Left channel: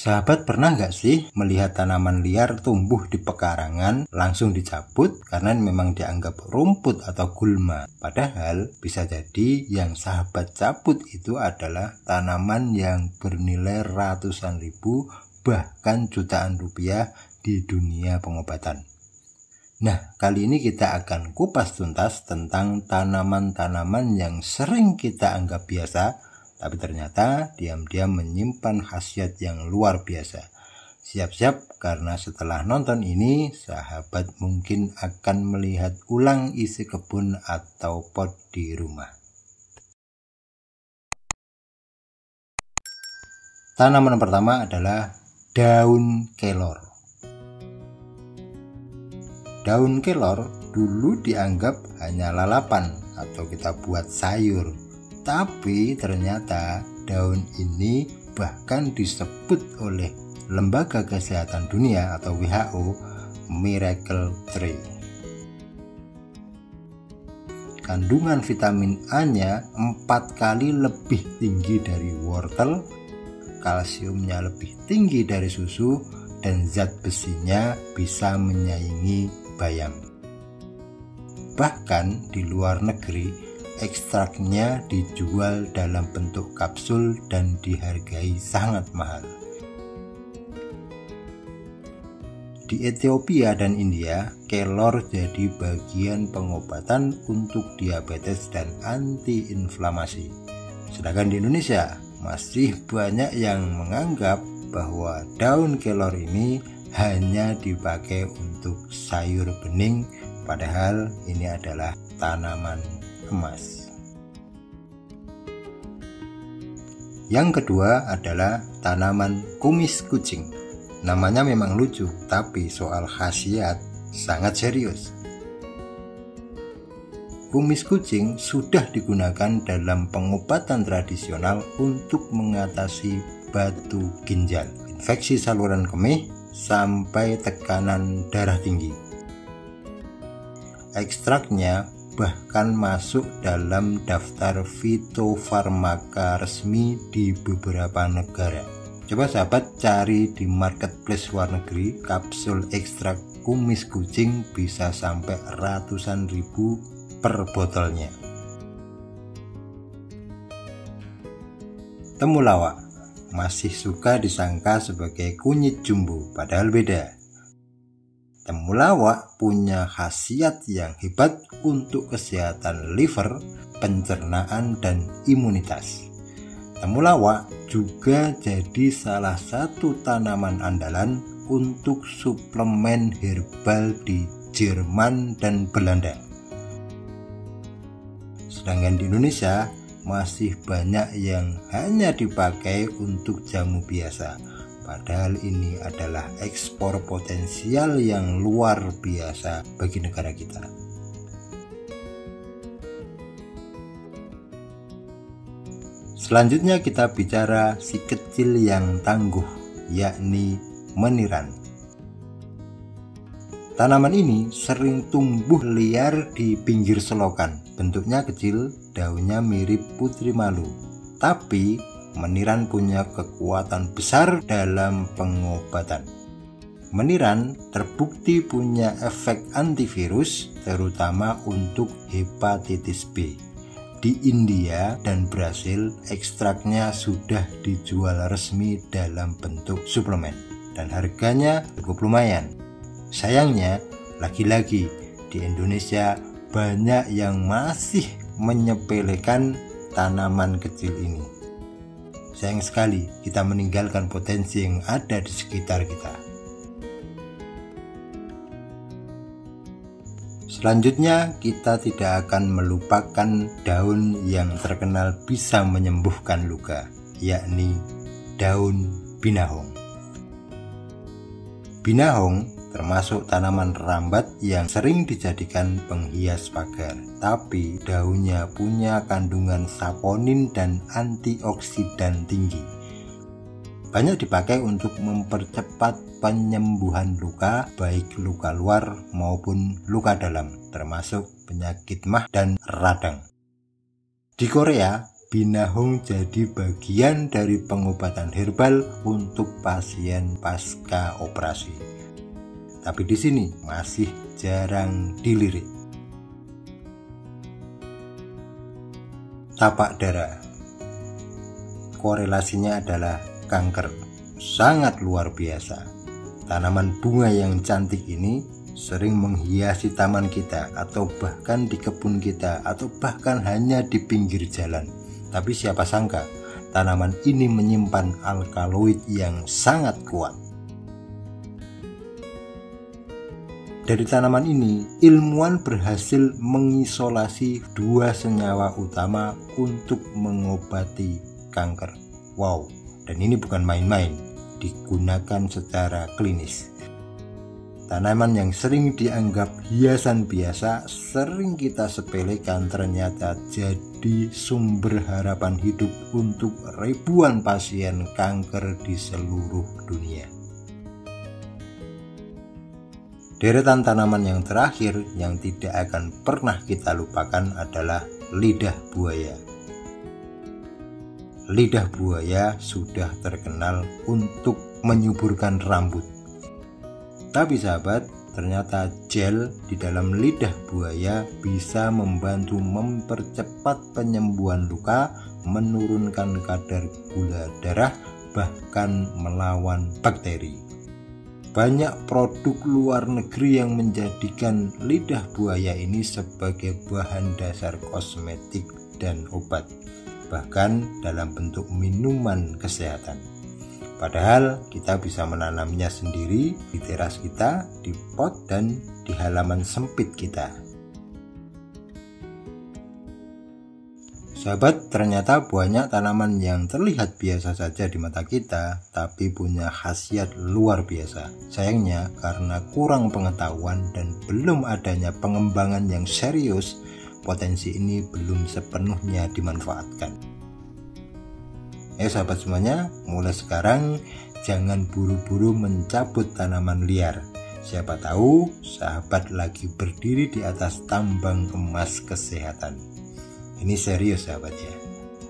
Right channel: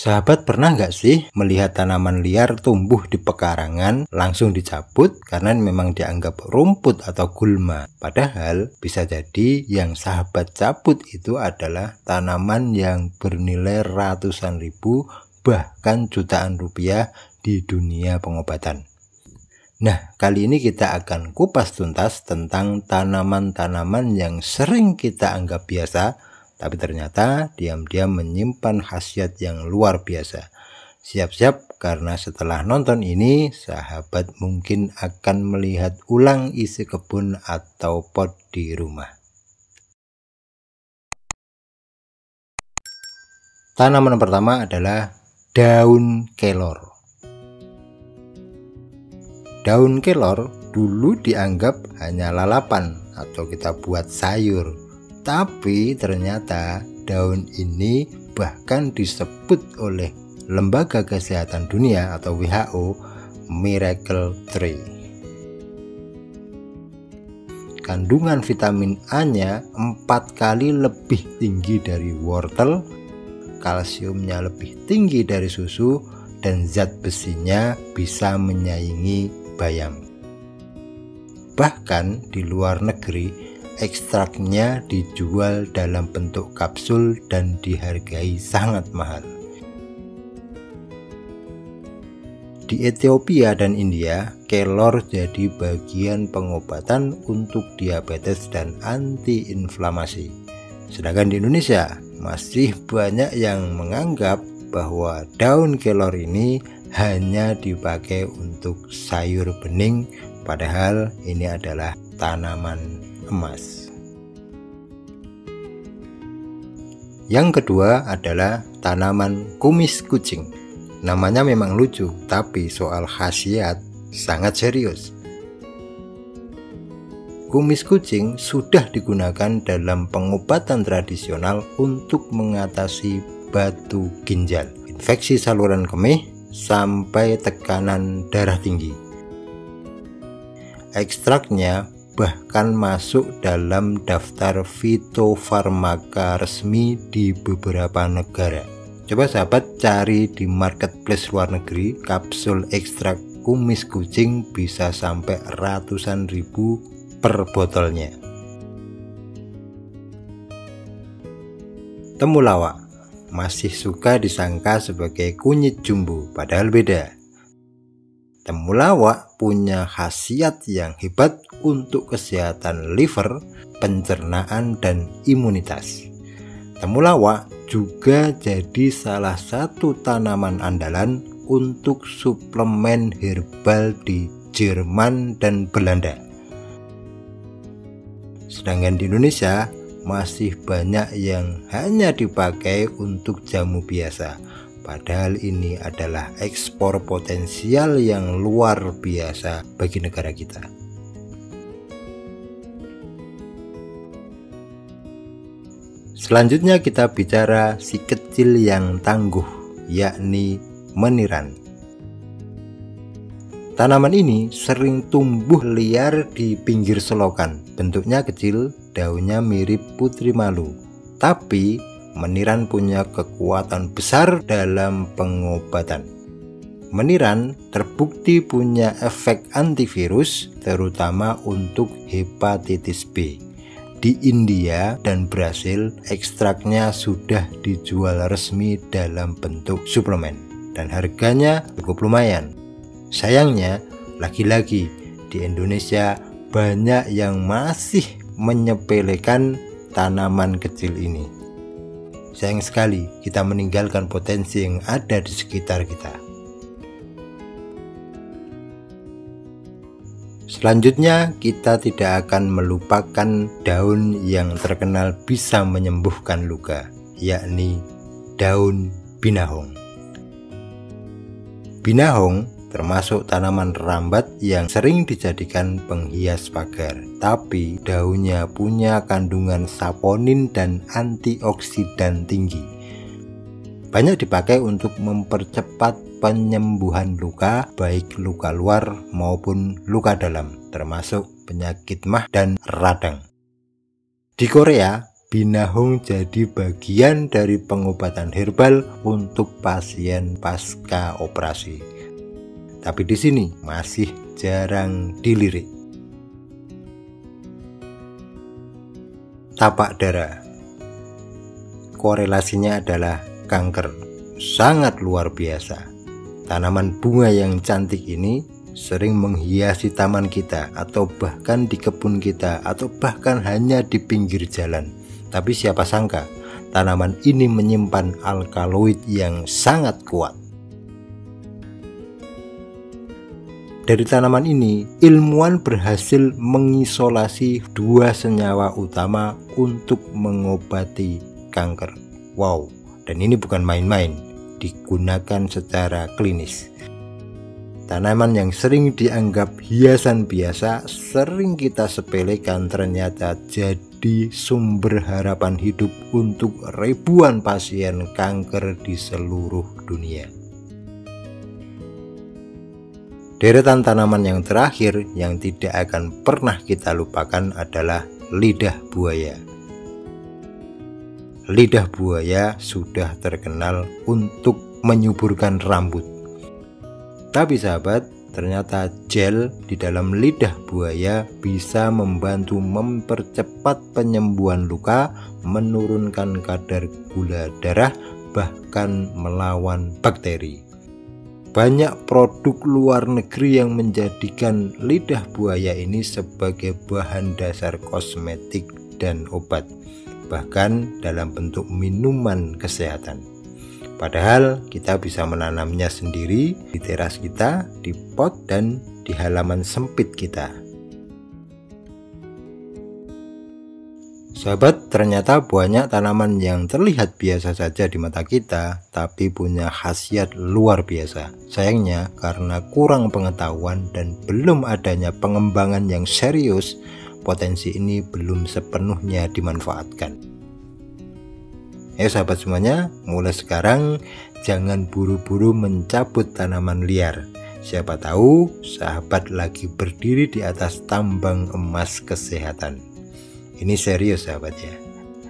Sahabat, pernah nggak sih melihat tanaman liar tumbuh di pekarangan langsung dicabut karena memang dianggap rumput atau gulma? Padahal bisa jadi yang sahabat cabut itu adalah tanaman yang bernilai ratusan ribu bahkan jutaan rupiah di dunia pengobatan. Nah, kali ini kita akan kupas tuntas tentang tanaman-tanaman yang sering kita anggap biasa, tapi ternyata diam-diam menyimpan khasiat yang luar biasa. Siap-siap karena setelah nonton ini, sahabat mungkin akan melihat ulang isi kebun atau pot di rumah. Tanaman pertama adalah daun kelor. Daun kelor dulu dianggap hanya lalapan atau kita buat sayur. Tapi ternyata daun ini bahkan disebut oleh Lembaga Kesehatan Dunia atau WHO Miracle Tree. Kandungan vitamin A-nya 4 kali lebih tinggi dari wortel, kalsiumnya lebih tinggi dari susu, dan zat besinya bisa menyaingi bayam. Bahkan di luar negeri, ekstraknya dijual dalam bentuk kapsul dan dihargai sangat mahal. Di Ethiopia dan India, kelor jadi bagian pengobatan untuk diabetes dan antiinflamasi. Sedangkan di Indonesia, masih banyak yang menganggap bahwa daun kelor ini hanya dipakai untuk sayur bening, padahal ini adalah tanaman emas. Yang kedua adalah tanaman kumis kucing. Namanya memang lucu, tapi soal khasiat sangat serius. Kumis kucing sudah digunakan dalam pengobatan tradisional untuk mengatasi batu ginjal, infeksi saluran kemih, sampai tekanan darah tinggi. Ekstraknya bahkan masuk dalam daftar fitofarmaka resmi di beberapa negara. Coba sahabat cari di marketplace luar negeri, kapsul ekstrak kumis kucing bisa sampai ratusan ribu per botolnya. Temulawak masih suka disangka sebagai kunyit jumbo, padahal beda. Temulawak punya khasiat yang hebat untuk kesehatan liver, pencernaan, dan imunitas. Temulawak juga jadi salah satu tanaman andalan untuk suplemen herbal di Jerman dan Belanda. Sedangkan di Indonesia masih banyak yang hanya dipakai untuk jamu biasa. Padahal ini adalah ekspor potensial yang luar biasa bagi negara kita. Selanjutnya kita bicara si kecil yang tangguh, yakni meniran. Tanaman ini sering tumbuh liar di pinggir selokan. Bentuknya kecil, daunnya mirip putri malu. Tapi meniran punya kekuatan besar dalam pengobatan. Meniran terbukti punya efek antivirus, terutama untuk hepatitis B. Di India dan Brasil, ekstraknya sudah dijual resmi dalam bentuk suplemen dan harganya cukup lumayan. Sayangnya, lagi-lagi di Indonesia banyak yang masih menyepelekan tanaman kecil ini. Sayang sekali kita meninggalkan potensi yang ada di sekitar kita. Selanjutnya kita tidak akan melupakan daun yang terkenal bisa menyembuhkan luka, yakni daun binahong. Binahong termasuk tanaman rambat yang sering dijadikan penghias pagar, tapi daunnya punya kandungan saponin dan antioksidan tinggi. Banyak dipakai untuk mempercepat penyembuhan luka, baik luka luar maupun luka dalam, termasuk penyakit mah dan radang. Di Korea, binahong jadi bagian dari pengobatan herbal untuk pasien pasca operasi. Tapi di sini masih jarang dilirik. Tapak darah. Korelasinya adalah kanker. Sangat luar biasa. Tanaman bunga yang cantik ini sering menghiasi taman kita, atau bahkan di kebun kita, atau bahkan hanya di pinggir jalan. Tapi siapa sangka tanaman ini menyimpan alkaloid yang sangat kuat. Dari tanaman ini, ilmuwan berhasil mengisolasi 2 senyawa utama untuk mengobati kanker. Wow, dan ini bukan main-main, digunakan secara klinis. Tanaman yang sering dianggap hiasan biasa, sering kita sepelekan, ternyata jadi sumber harapan hidup untuk ribuan pasien kanker di seluruh dunia. Deretan tanaman yang terakhir yang tidak akan pernah kita lupakan adalah lidah buaya. Lidah buaya sudah terkenal untuk menyuburkan rambut. Tapi sahabat, ternyata gel di dalam lidah buaya bisa membantu mempercepat penyembuhan luka, menurunkan kadar gula darah, bahkan melawan bakteri. Banyak produk luar negeri yang menjadikan lidah buaya ini sebagai bahan dasar kosmetik dan obat, bahkan dalam bentuk minuman kesehatan. Padahal kita bisa menanamnya sendiri di teras kita, di pot, dan di halaman sempit kita. Sahabat, ternyata banyak tanaman yang terlihat biasa saja di mata kita, tapi punya khasiat luar biasa. Sayangnya, karena kurang pengetahuan dan belum adanya pengembangan yang serius, potensi ini belum sepenuhnya dimanfaatkan. Sahabat semuanya, mulai sekarang jangan buru-buru mencabut tanaman liar. Siapa tahu sahabat lagi berdiri di atas tambang emas kesehatan. Ini serius sahabat ya.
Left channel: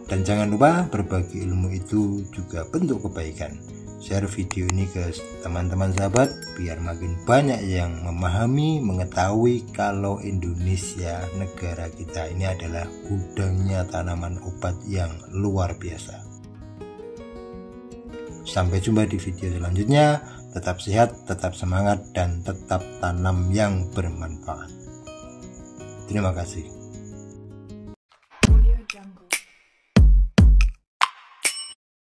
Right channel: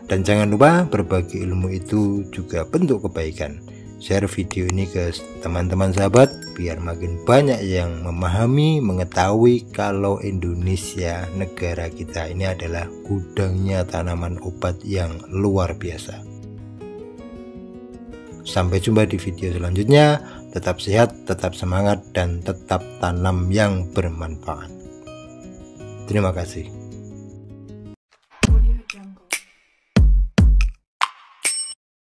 Dan jangan lupa berbagi ilmu itu juga bentuk kebaikan. Share video ini ke teman-teman sahabat biar makin banyak yang memahami, mengetahui kalau Indonesia, negara kita ini adalah gudangnya tanaman obat yang luar biasa. Sampai jumpa di video selanjutnya. Tetap sehat, tetap semangat, dan tetap tanam yang bermanfaat. Terima kasih.